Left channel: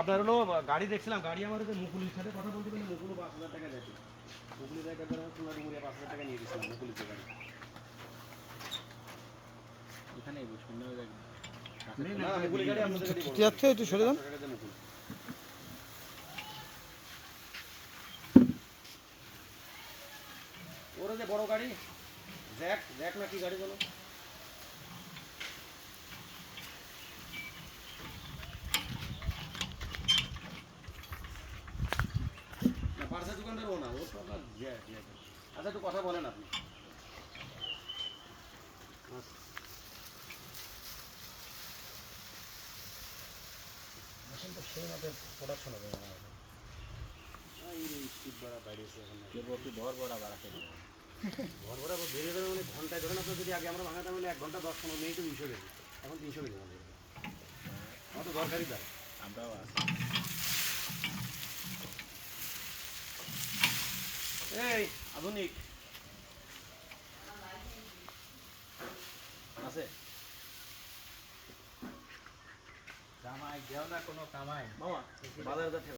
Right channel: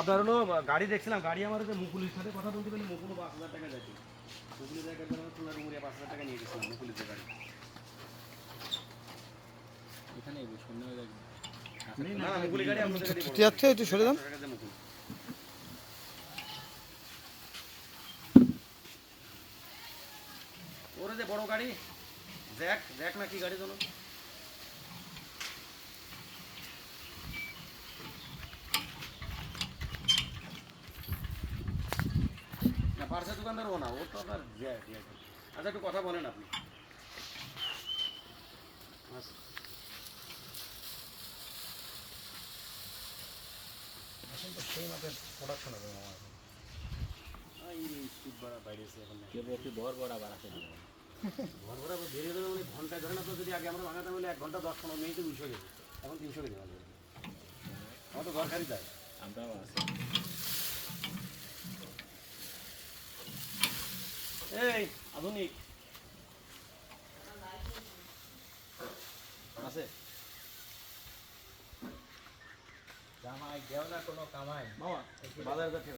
আপনার হলো গাড়ি দেখছিলাম, গাড়ি আমার হচ্ছে মুকুলির সাথে কথা বলতে গেলে মুকুল ৫,০০০ টাকা যাচ্ছে। মুকুলির জায়গায় খুলনা ডুমুরিয়া ৫,০০০ টাকা নিয়ে গেছিলাম মুকুলির গাড়ি। এখানে শূন্য হয়ে যাবে না মুকুলি গাড়ি আপনাদের গাড়ি বড়। যাচ্ছে একটু সরে যান। ওরা যে বড় গাড়ি জ্যাক জ্যাক না কি গাড়ি জানো? না পার্সেল দোকানদার ও না, ও তো আপনার জ্যাক। আচ্ছা একটু কথা বলেন আপনি। তো সেই মাপের প্রোডাকশন হবে আমার। এই স্পিড বাড়া বাড়িয়েছে এখন। ভর ভরা বাড়াতে ঘর ঘোরা বেড়ে যাবে মানে ঘন্টায় ধরেন আপনি যদি আগে আমরা বানাতাম বলে 1 ঘন্টা 10-15 মিনিটে 200 কেজি, এখন 300 কেজি আমাদের। আমার তো দরকারই তাই। আমরাও আছি। এই আধুনিক আছে জামাই দেও না কোনো কামাই বাবা বাজারে যাচ্ছে।